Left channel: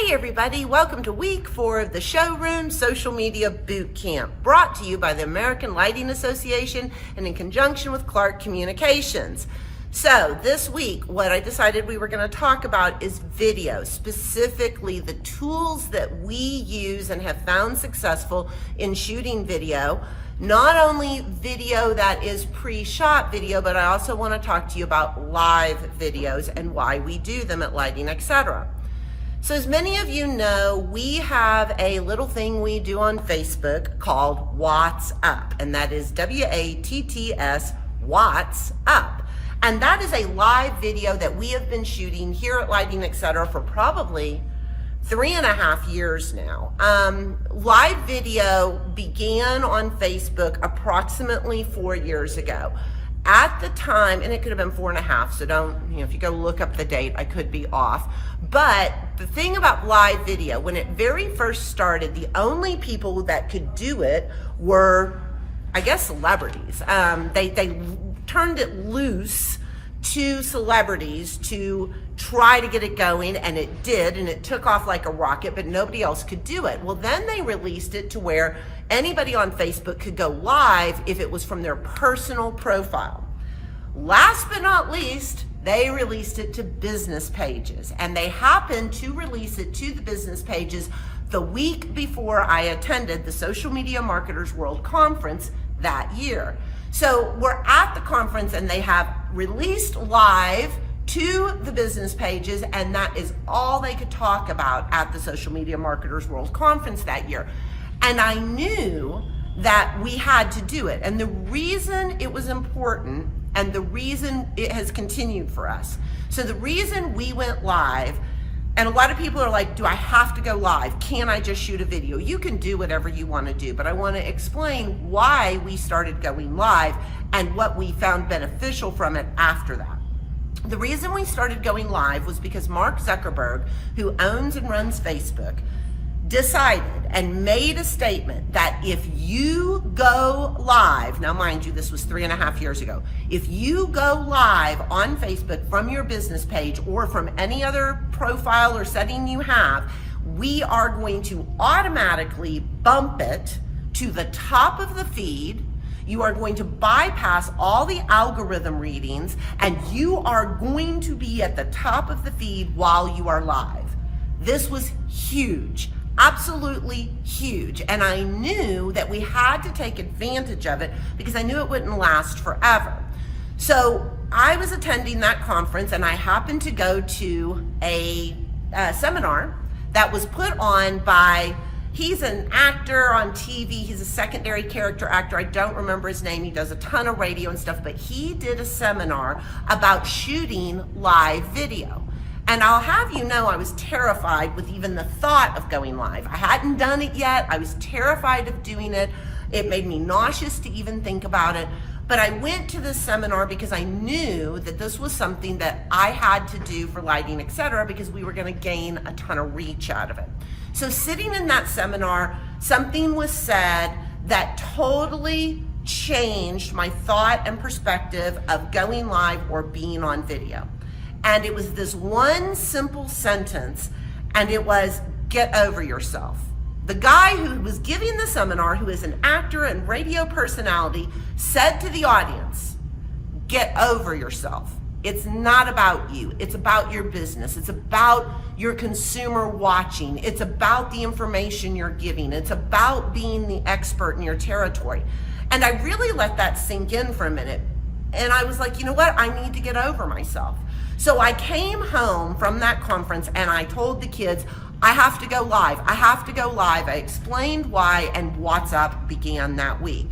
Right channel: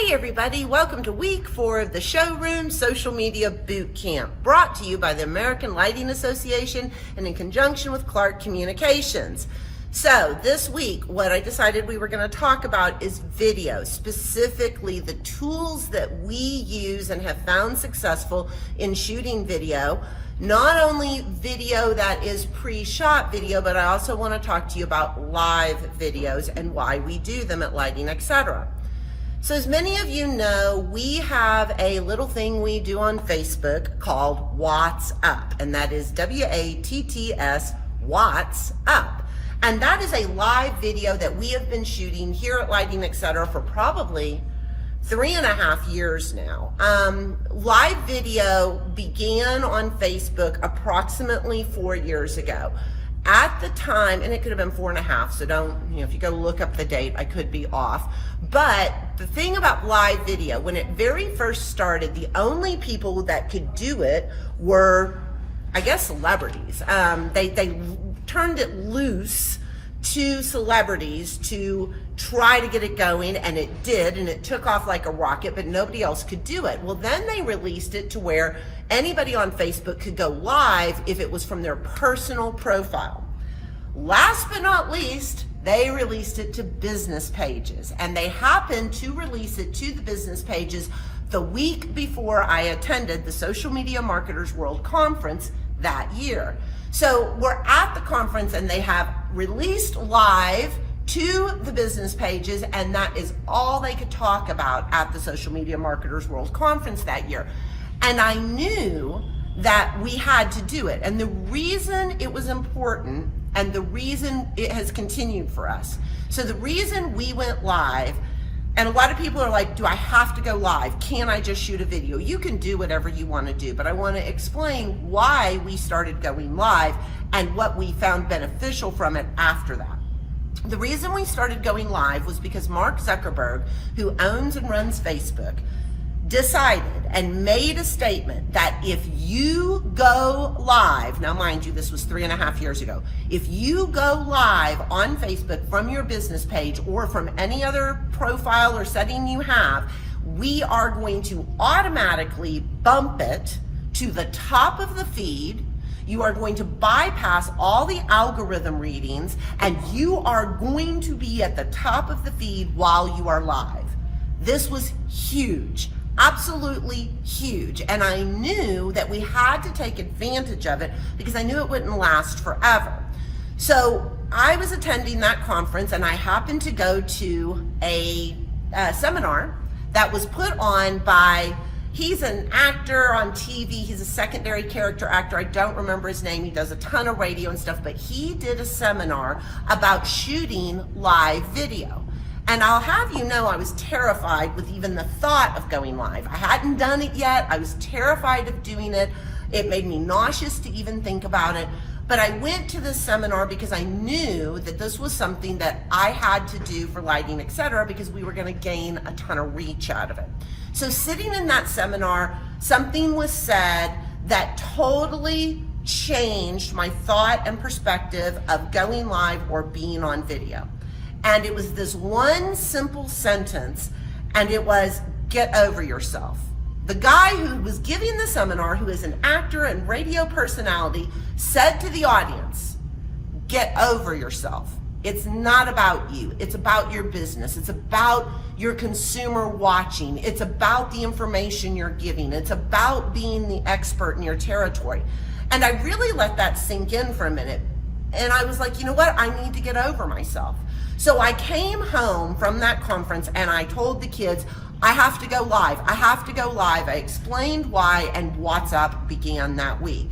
Hey everybody, welcome to week 4 of the Showroom Social Media Bootcamp, brought to you by the American Lighting Association and in conjunction with Clark Communications. So this week, what I decided we were going to talk about is video, specifically the tools that we use and have found successful in shooting video. Not only video that is pre-shot video, but I also want to talk to you about live videos and why we do them at Lighting, etc. So as many of you know, we have a little thing we do on Facebook called What's Up, and that is WATTS, What's Up. And that is a live video that we have been shooting here at Lighting, etc. for probably 3.5 years now. Live video began on Facebook approximately 4 years ago. At the time, and it could have been 4.5, so don't, if you go look up the date, I could be off. But the thing about live video, when it very first started, the only people that could do it were, I guess, celebrities. They turned it loose to celebrities to try to get it going, and it did, and it took off like a rocket, but nobody else could do it. Well, then they released it to where anybody on Facebook could go live if it was from their personal profile. Last but not least, they released it to business pages, and they happened to release it to the business pages the week before I attended the Social Media Marketers World Conference that year. So we're at the conference and they have released live to the business pages, and that is all they could talk about at the Social Media Marketers World Conference that year. And I knew that we had to do it. And the reason it was important and the reason it has continued for us. So the reason we went live, and a lot of people are like, do I have to go live? Can't I just shoot a video? You can do whatever you want to do, but I want to explain why we started going live and what we found beneficial from it after that. The reason we started going live was because Mark Zuckerberg, who owns and runs Facebook, decided and made a statement that if you go live, now mind you, this was 3.5 years ago, if you go live on Facebook from your business page or from any other profile or setting you have, we are going to automatically bump it to the top of the feed. You are going to bypass all the algorithm readings, and you are going to be at the top of the feed while you are live. This was huge. Absolutely huge. And I knew that we had to take advantage of it because I knew it wouldn't last forever. So I was attending that conference, and I happened to go to a seminar that was put on by, he's an actor on TV. He's a secondary character actor. I don't remember his name. He does a ton of radio and stuff, but he did a seminar about shooting live video. And I'll have you know, I was terrified with even the thought of going live. I hadn't done it yet. I was terrified of doing it. It made me nauseous to even think about it. But I went to this seminar because I knew that this was something that I had to do for Lighting, etc., because we were going to gain a ton of reach out of it. So sitting in that seminar, something was said that totally changed my thought and perspective of going live or being on video. And it was this one simple sentence, and it was, get over yourself. The guy who was giving the seminar, who is an actor and radio personality, said to the audience, get over yourself. It's not about you. It's about your business. It's about your consumer watching. It's about the information you're giving. It's about being the expert in your territory. And I really let that sink in for a minute. And I was like, you know what? I need to get over myself. So I came home from that conference and I told the kids, I have to go live. I have to go live. I explained why, and What's Up began that week.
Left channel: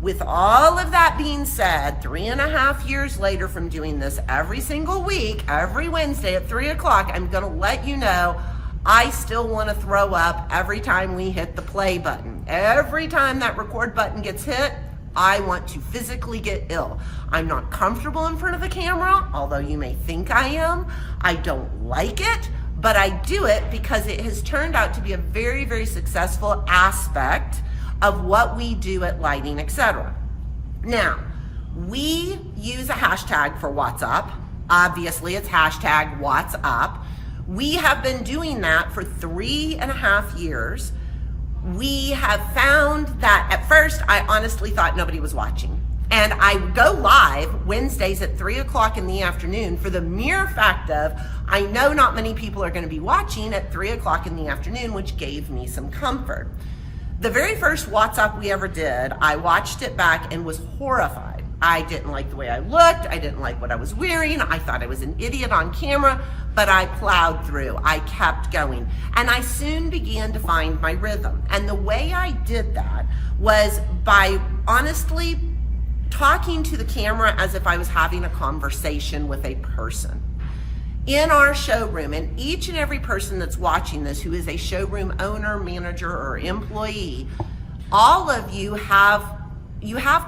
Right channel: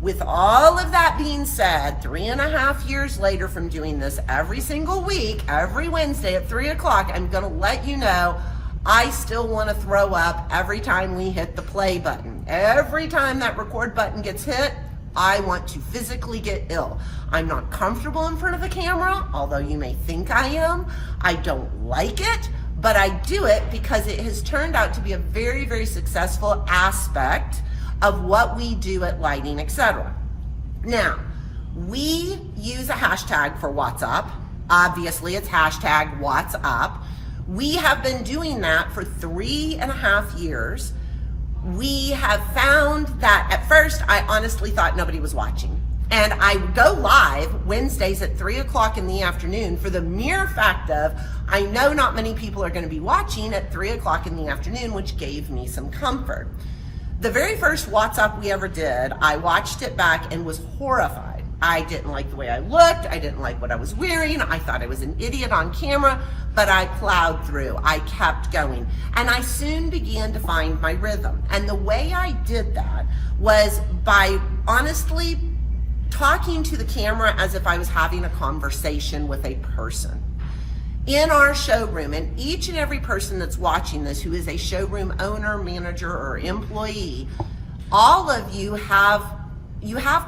With all of that being said, 3.5 years later from doing this every single week, every Wednesday at 3 o'clock, I'm going to let you know I still want to throw up every time we hit the play button. Every time that record button gets hit, I want to physically get ill. I'm not comfortable in front of a camera, although you may think I am. I don't like it, but I do it because it has turned out to be a very, very successful aspect of what we do at Lighting, etc. Now, we use a hashtag for What's Up. Obviously, it's hashtag What's Up. We have been doing that for 3.5 years. We have found that at first, I honestly thought nobody was watching. And I go live Wednesdays at 3 o'clock in the afternoon for the mere fact of, I know not many people are going to be watching at 3 o'clock in the afternoon, which gave me some comfort. The very first WhatsApp we ever did, I watched it back and was horrified. I didn't like the way I looked. I didn't like what I was wearing. I thought I was an idiot on camera, but I plowed through. I kept going. And I soon began to find my rhythm. And the way I did that was by honestly talking to the camera as if I was having a conversation with a person. In our showroom, and each and every person that's watching this who is a showroom owner, manager, or employee, all of you have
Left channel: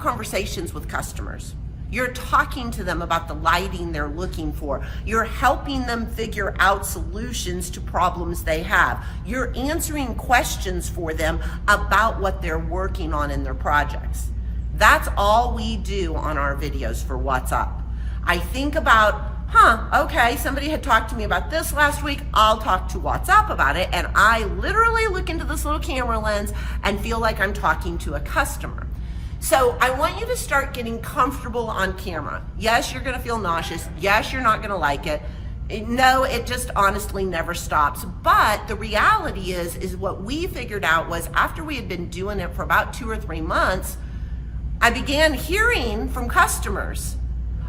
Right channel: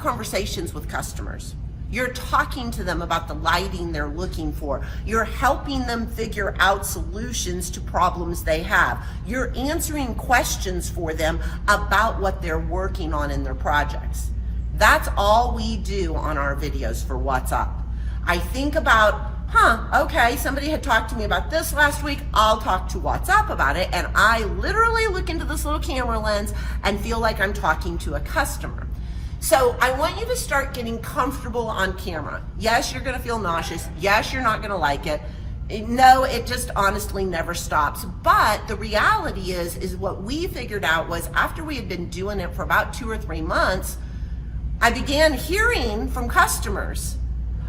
conversations with customers. You're talking to them about the lighting they're looking for. You're helping them figure out solutions to problems they have. You're answering questions for them about what they're working on in their projects. That's all we do on our videos for What's Up. I think about, okay, somebody had talked to me about this last week, I'll talk to What's Up about it, and I literally look into this little camera lens and feel like I'm talking to a customer. So I want you to start getting comfortable on camera. Yes, you're gonna feel nauseous. Yes, you're not gonna like it. No, it just honestly never stops. But the reality is what we figured out was after we had been doing it for about 2 or 3 months, I began hearing from customers,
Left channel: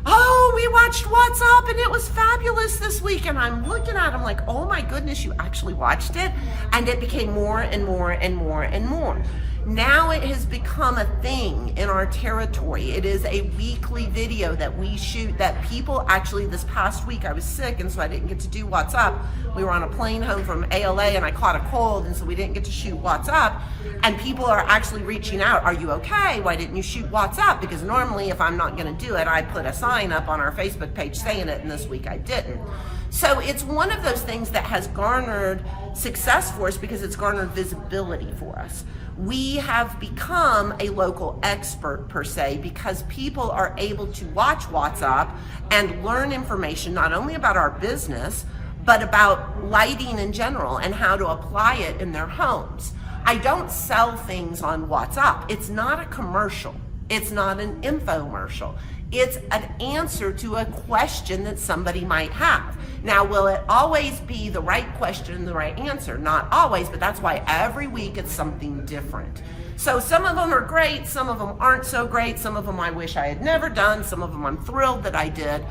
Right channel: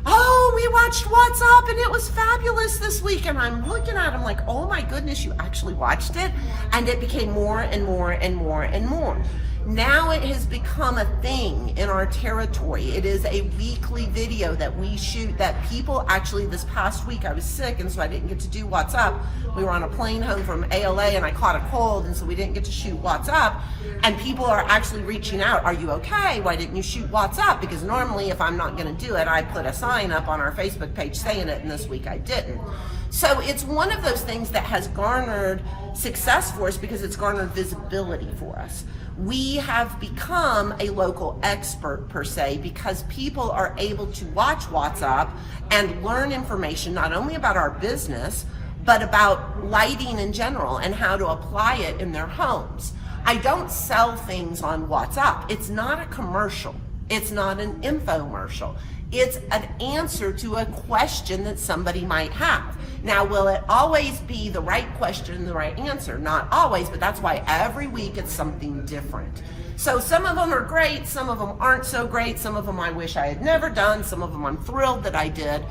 oh, we watched What's Up and it was fabulous this week. And I'm looking at them like, oh my goodness, you actually watched it? And it became more and more and more and more. Now it has become a thing in our territory. It is a weekly video that we shoot that people actually, this past week I was sick and so I didn't get to do What's Up. We were on a plane home from ALA and I caught a cold and so we didn't get to shoot What's Up. And people are actually reaching out, are you okay? Why didn't you shoot What's Up? Because normally if I'm not gonna do it, I put a sign up on our Facebook page saying it, and this week I didn't. So it's one of those things that has garnered success for us because it's garnered visibility for us. We have become a local expert per se because people are able to watch What's Up and learn information not only about our business, but about lighting in general and how to apply it in their homes. I don't sell things on What's Up. It's not a commercial. It's not an infomercial. It's an answer to a question that somebody might have. Now, will it always be the right question and the right answer? Not always, but that's why every week it's something different. So some of them are great, some of them aren't so great, some of them I wish I had never done, some of them I'm thrilled that I did.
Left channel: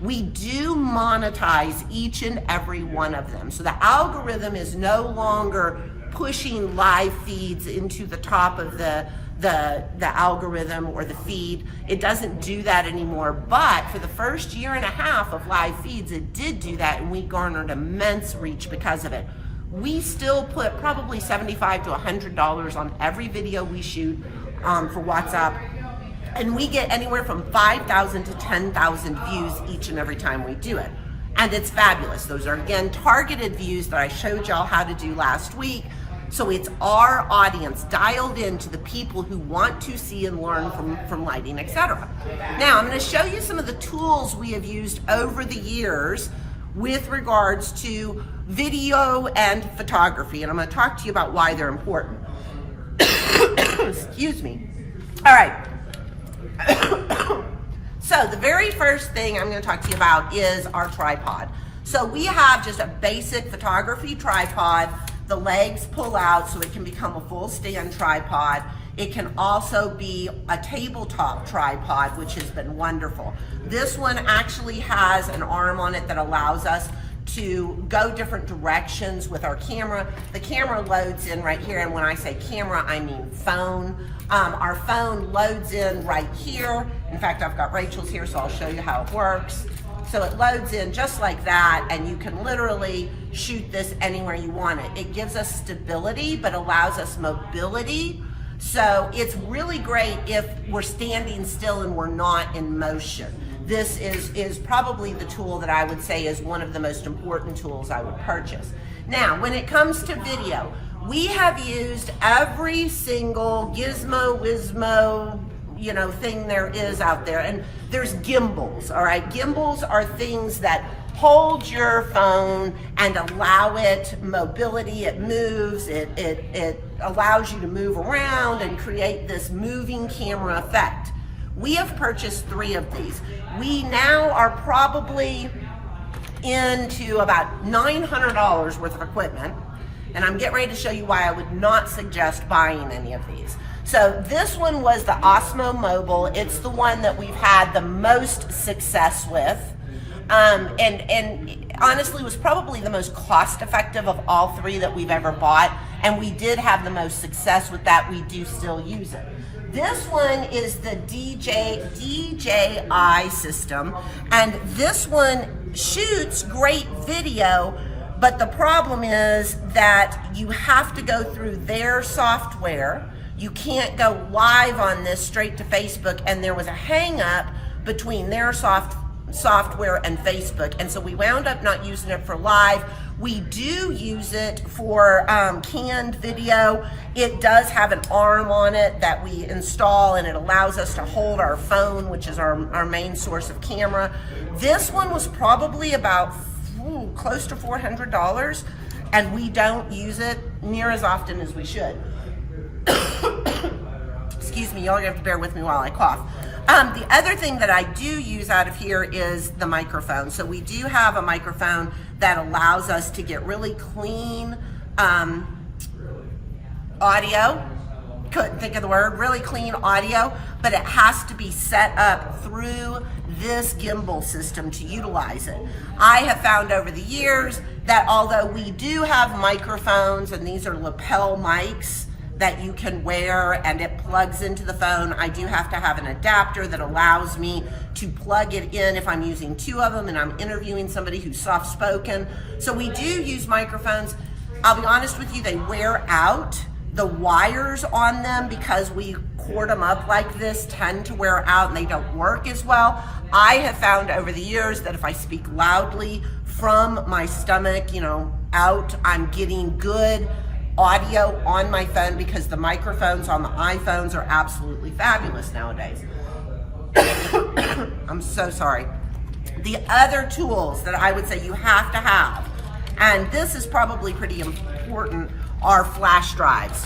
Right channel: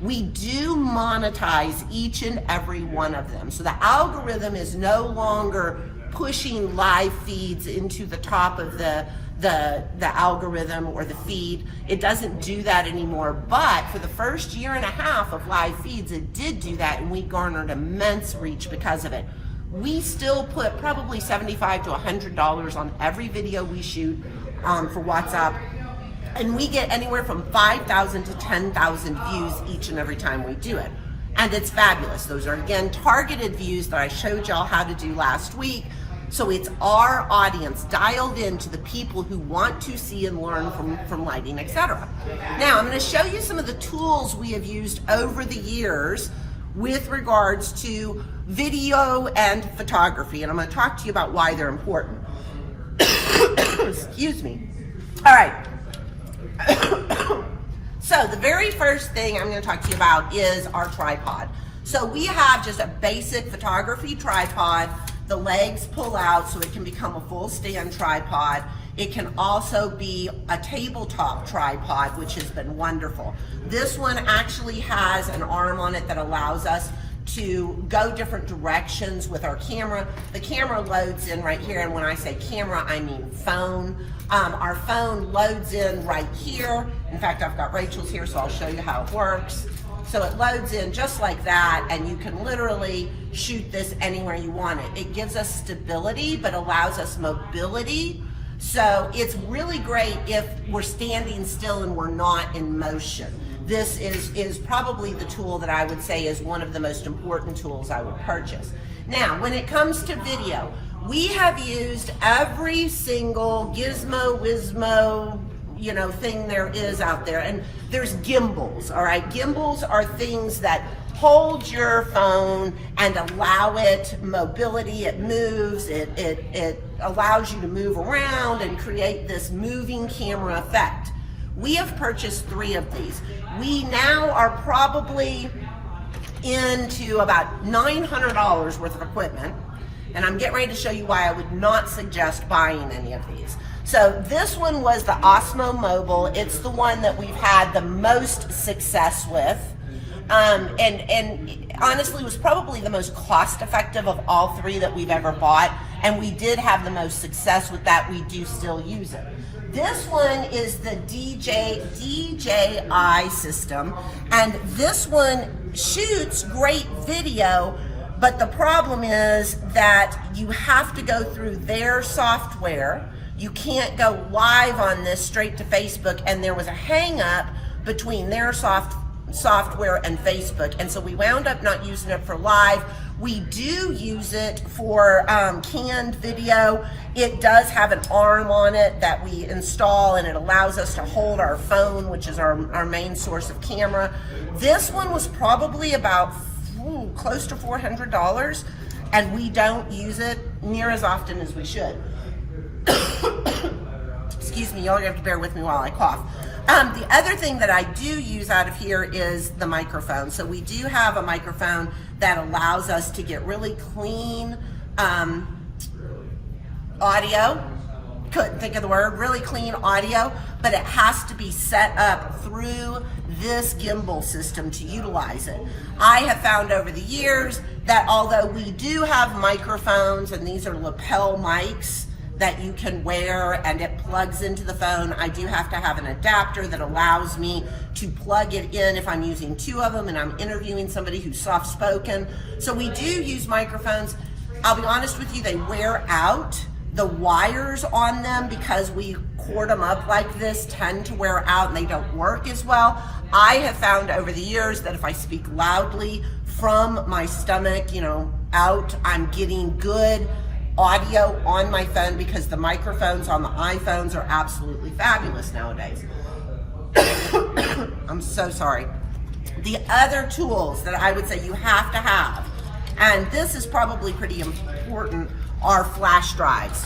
We do monetize each and every one of them. So the algorithm is no longer pushing live feeds into the top of the algorithm or the feed. It doesn't do that anymore, but for the first 1.5 years of live feeds, it did do that, and we garnered immense reach because of it. We still put probably $75 to $100 on every video we shoot for What's Up, and we get anywhere from 5,000 to 10,000 views each and every time we do it. And it's fabulous. Those are, again, targeted views that I showed y'all how to do last week. So it's our audience dialed into the people who want to see and learn from lighting, etc. Now, I'm going to show you some of the tools we have used over the years with regards to video and photography, and I'm going to talk to you about why they're important. Excuse me. All right. So the very first thing I'm going to talk to you about is our tripod. So we have just a basic photography tripod. The legs pull out so it can become a full stand tripod. It can also be a tabletop tripod, which has been wonderful. This one actually has an arm on it that allows us to go different directions with our camera. The camera loads in right here, and when I say camera, I mean phone. Our phone loads in right here. In fact, I've got Rachel's here, so I'll show you how it works. So it loads in just like that, and you can literally shoot this anywhere you want it. It gives us stability, but allows us mobility. So it's really great if we're standing still and we're not in motion. This is probably the tool that I would say is one of the most important tools I would purchase. Now, when it comes to video, we have used every single gizmo, whizmo, thing there is out there. And there's gimbals, all right? Gimbals are things that hold your phone and allow it mobility. It moves, it allows you to move around and create this moving camera effect. We have purchased 3 of these. We now are probably into about $900 worth of equipment, and I'm getting ready to show you why I would not suggest buying any of these. So this one was the Osmo Mobile. It's the one that we've had the most success with, and honestly was probably the most cost effective of all 3 that we've ever bought, and we did have the most success with that. We do still use it. This one is the DJI system, and this one shoots great video, but the problem is that you have to go through their software. You can't go live on this straight to Facebook, and there was a hang up between their software and Facebook, and so we wound up not using it for live. We do use it for canned video. It does have an arm on it that we install, and it allows us to hold our phone, which is our main source of camera. This one was probably about close to $400, and we don't use it near as often as we should. Excuse me, y'all are gonna have to bear with me while I cough. The other thing that I do use out of here is the microphone. So we do have a microphone that allows us to get really clean audio. Couldn't think of the word, really clean audio, but it has to be set up through this gimbal system to utilize it. I have found over the years that although we do have microphones, and these are lapel mics that you can wear and it plugs into the phone, I do have to have an adapter that allows me to plug it in if I'm using 2 of them and I'm interviewing somebody who's soft-spoken. So we do use microphones. I'll be honest with you, they wear out. The wires on them, because we cord them up like this, tend to wear out and they don't work as well. I have found over the years that if I speak loudly from my stomach, out, I'm getting good audio on my phone, because the microphones on the iPhones are absolutely fabulous nowadays. I'm so sorry. The other tools that I would say you have to have, and this is probably pretty important, are flash drives.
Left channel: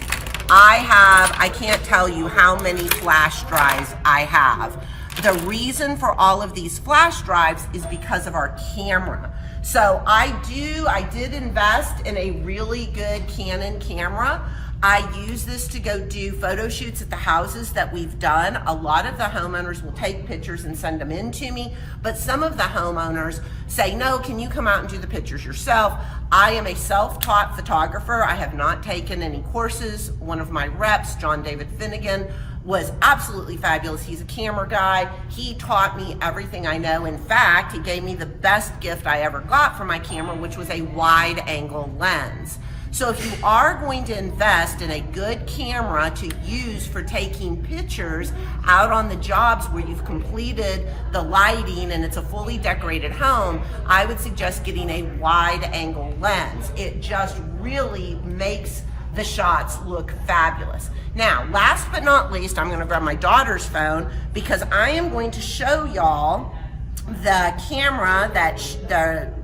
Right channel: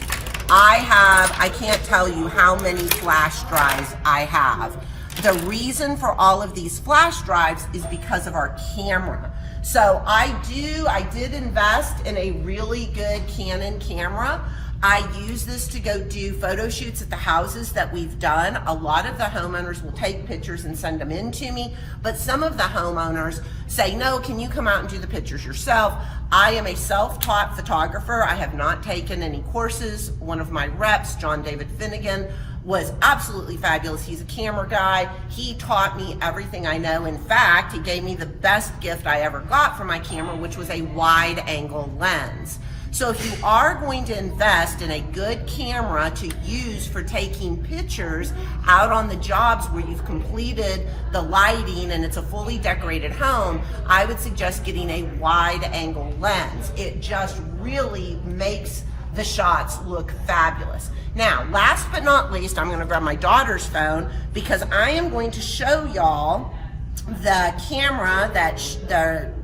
I can't tell you how many flash drives I have. The reason for all of these flash drives is because of our camera. So I did invest in a really good Canon camera. I use this to go do photo shoots at the houses that we've done. A lot of the homeowners will take pictures and send them in to me, but some of the homeowners say, no, can you come out and do the pictures yourself? I am a self-taught photographer. I have not taken any courses. One of my reps, John David Finnegan, was absolutely fabulous. He's a camera guy. He taught me everything I know. In fact, he gave me the best gift I ever got for my camera, which was a wide angle lens. So if you are going to invest in a good camera to use for taking pictures out on the jobs where you've completed the lighting and it's a fully decorated home, I would suggest getting a wide angle lens. It just really makes the shots look fabulous. Now, last but not least, I'm gonna grab my daughter's phone because I am going to show y'all the camera that,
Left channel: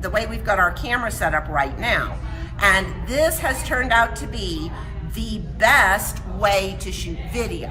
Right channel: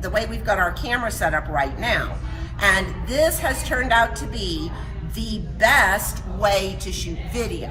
the way we've got our camera set up right now. And this has turned out to be the best way to shoot video.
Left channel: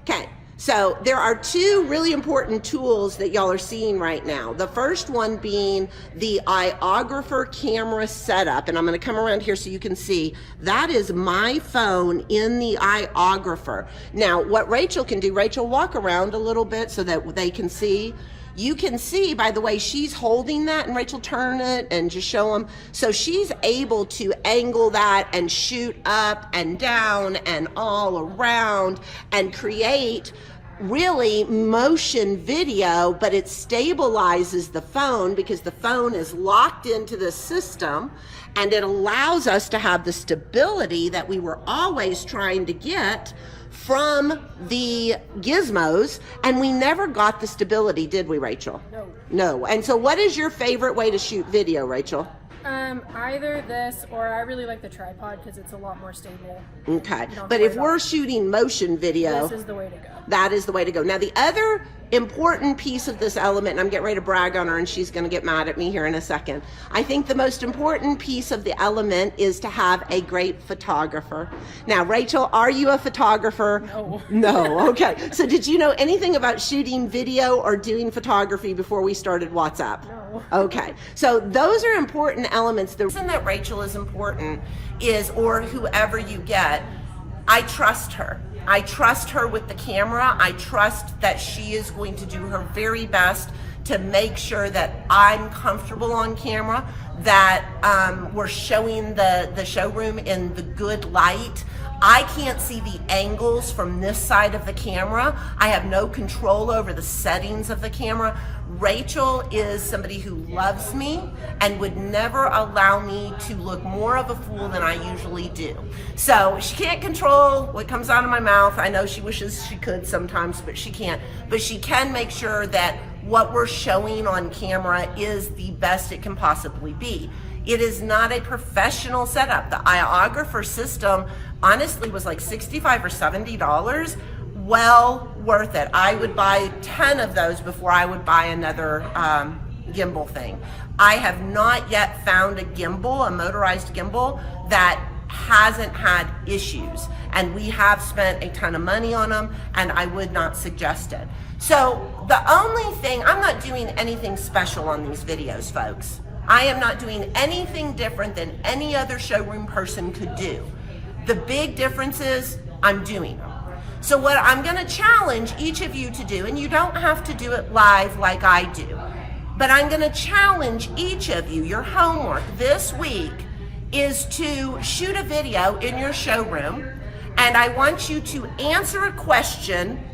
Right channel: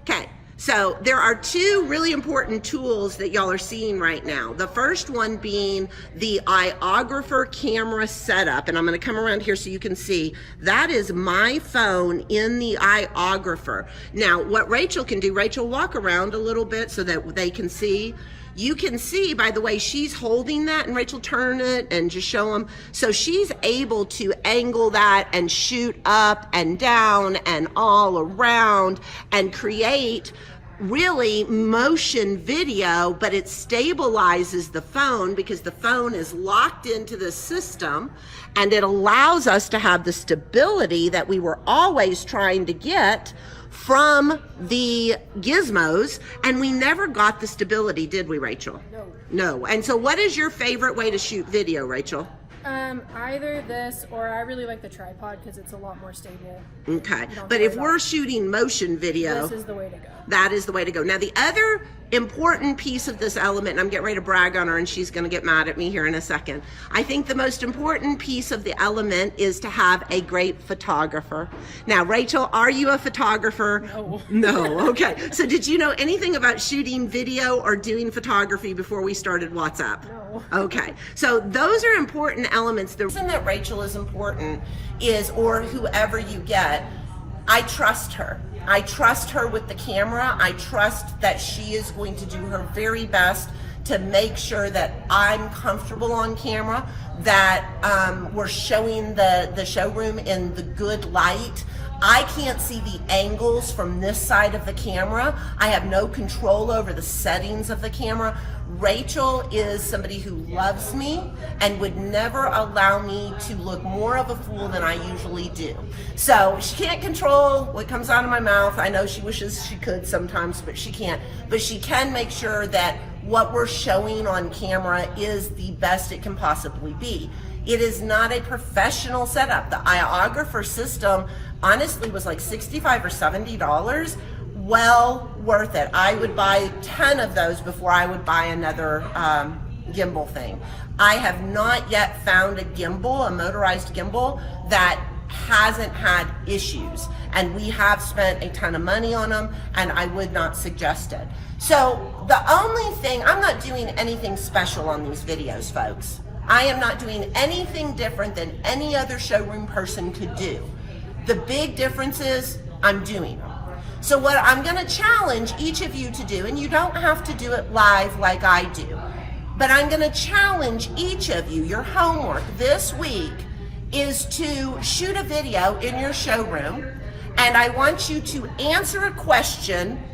Okay, so there are two really important tools that y'all are seeing right now. The first one being the iOgrapher camera setup, and I'm gonna come around here so you can see. That is my phone in the iOgrapher. Now, what Rachel can do, Rachel, walk around a little bit so that they can see. You can see by the way she's holding that, and Rachel, turn it and just show them. So she's able to angle that and shoot up and down and all around and create really motion video, but it stabilizes the phone because the phone is locked into the system, and it allows us to have the stability that we were always trying to get from the gizmos, and we never got the stability, did we, Rachel? No. No. And so what is your favorite way to shoot video, Rachel? Either this or I really like the tripod because it's a lot more stable. Okay, but if we're shooting motion video, this is the way to go. That is the way to go. Now, the other important piece of this element, and I'm getting ready to brag on her and she's going to get mad at me here in a second. I think the most important piece of the element is to have a great photographer. Now, Rachel, are you a photographer? No. No, okay. So did you know anything about shooting video or doing photography before we started WhatsApp? No. Okay, so those are important elements. The reason that Rachel is important is, or whoever you get, I trust her. I trust her with the camera. I trust that she is going to do her very best to make sure that I'm comfortable on camera, that we're showing the showroom in the good light. I can't see the angles from this side of the camera. I have no control over the settings of the camera. Rachel is somebody who loves me and would never allow me to look more of a fool than I usually do. So she can't control what comes out of my mouth. I know she wishes she could sometimes, but she can't. But she can make sure that what we're showing on camera is the best it can possibly be. It is not a professional setup. The iographer system honestly was like $65 or $70. Well worth it. I would buy 10 of those before I would buy another gimbal thing. I have not yet found a gimbal, a motorized gimbal, that hasn't had issues. And we have spent a ton of money on them, and I would not suggest it. So the only thing, I'm not doing anything special on these videos, folks. I am not doing anything different than any other showroom person could do. The big difference is I'm doing them. So what I'm going to challenge each of you to do, and you don't have to do it live like I do, but I'm going to challenge each of you, your homework this week is to shoot a video in your showroom, and I want you to answer a question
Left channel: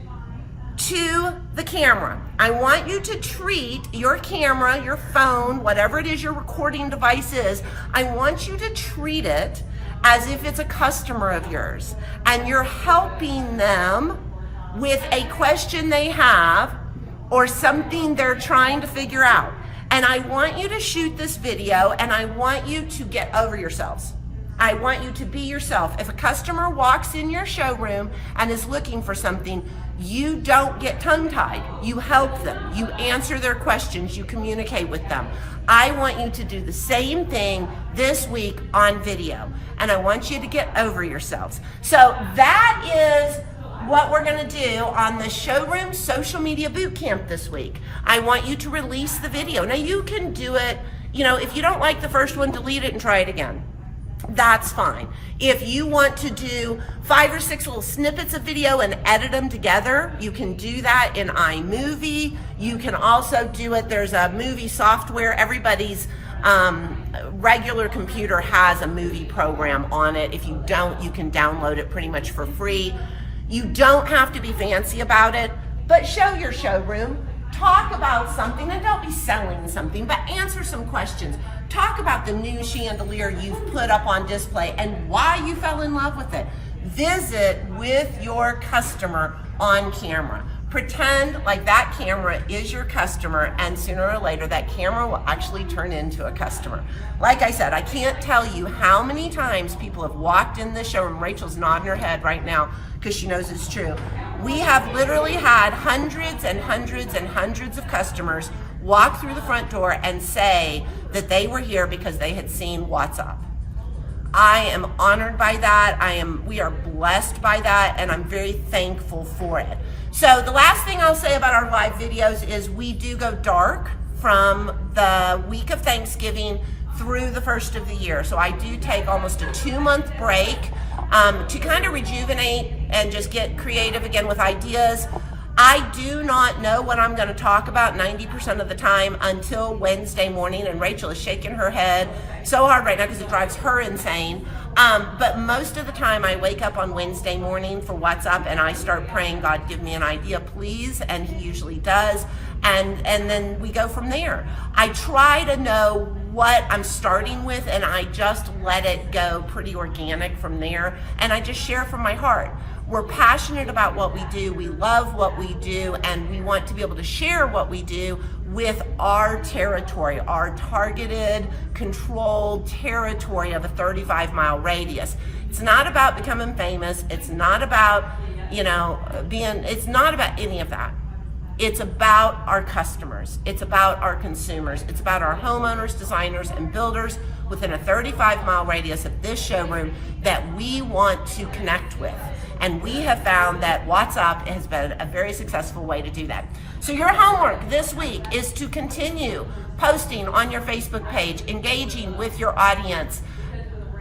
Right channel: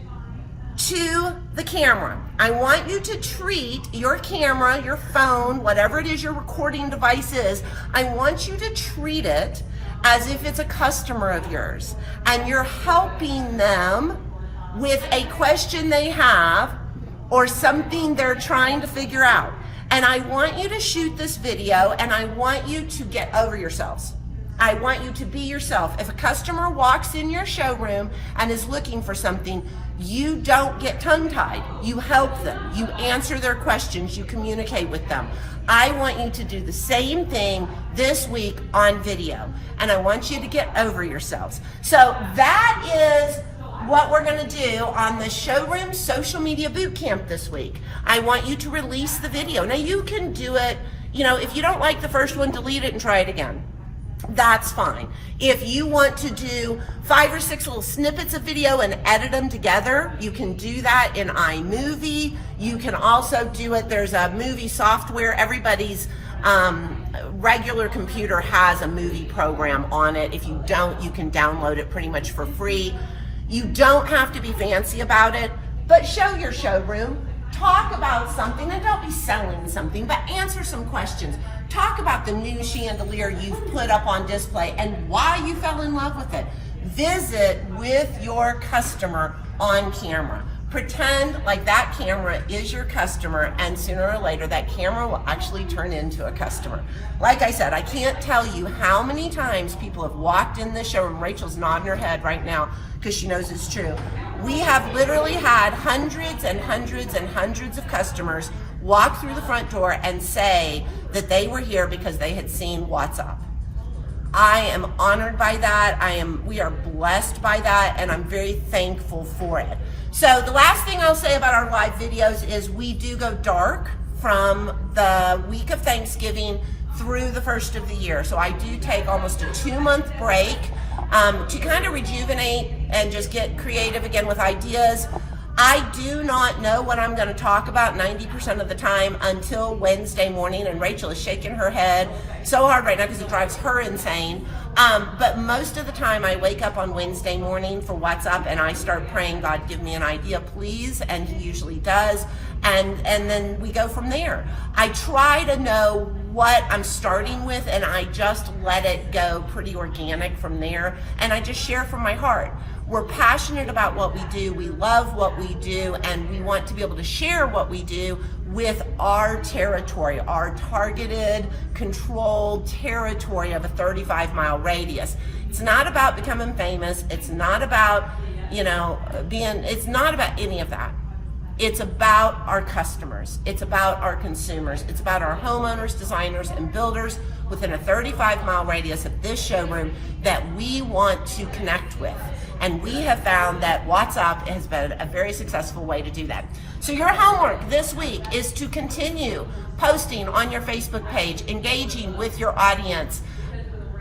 to the camera. I want you to treat your camera, your phone, whatever it is your recording device is, I want you to treat it as if it's a customer of yours, and you're helping them with a question they have or something they're trying to figure out. And I want you to shoot this video, and I want you to get over yourselves. I want you to be yourself. If a customer walks in your showroom and is looking for something, you don't get tongue-tied. You help them. You answer their questions. You communicate with them. I want you to do the same thing this week on video, and I want you to get over yourselves. So that is what we're going to do on the Showroom Social Media Bootcamp this week. I want you to release the video. Now you can do it, if you don't like the first one, delete it and try it again. That's fine. If you want to do 5 or 6 little snippets of video and edit them together, you can do that in iMovie. You can also do it, there's a movie software. Everybody's regular computer has a movie program on it. If you don't, you can download it pretty much for free. You don't have to be fancy about it, but show your showroom. Talk about something, and don't be selling something, but answer some questions. Talk about the new chandelier you've put up on display and why you fell in love with it. Visit with your customer on camera. Pretend like that camera is your customer, and sooner or later that camera will actually turn into a customer. Like I said, I can't tell you how many times people have walked in the showroom. Rachel's nodding her head right now because she knows it's true. We have literally had hundreds and hundreds and hundreds of customers walk through the front door and say that they were here because they had seen WhatsApp. I am honored by that. We are blessed by that, and I'm very thankful for it. So the last thing I'll say about our live videos is we do go dark from the week of Thanksgiving through the first of the year. So I do take almost a 2-month break to kind of rejuvenate and just get creative again with ideas. I do not know what I'm going to talk about 90% of the time until Wednesday morning, and Rachel is shaking her head so hard right now because it drives her insane. But most of the time I wake up on Wednesday morning for WhatsApp and I start praying, God, give me an idea, please, and he usually does. And then we go from there. I try to know what I'm starting with, and I just let it go pretty organic from there, and I just share from my heart. We're passionate about what we do. We love what we do, and we want to be able to share what we do with our territory, our targeted, controlled territory of a 35-mile radius. It's not about becoming famous. It's not about, it's not about any of that. It's about our customers. It's about our consumers. It's about our homeowners, designers, and builders within a 35-mile radius of this showroom that we want to connect with. And we have found that WhatsApp has been a very successful way to do that. So your homework this week is to continue posting on your Facebook page, engaging with your audience.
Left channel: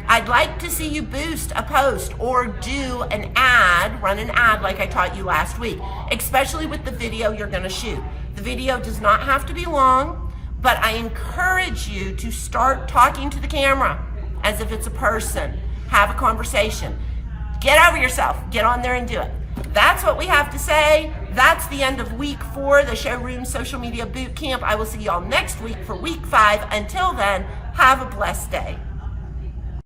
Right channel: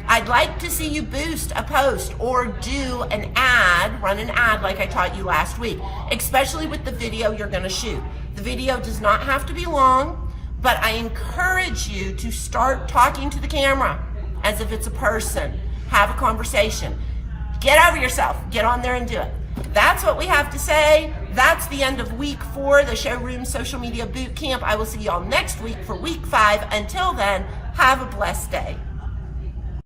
I'd like to see you boost a post or do an ad, run an ad like I taught you last week, especially with the video you're going to shoot. The video does not have to be long, but I encourage you to start talking to the camera as if it's a person. Have a conversation. Get over yourself. Get on there and do it. That's what we have to say. That's the end of week 4, the Showroom Social Media Bootcamp. I will see y'all next week for week 5. Until then, have a blessed day.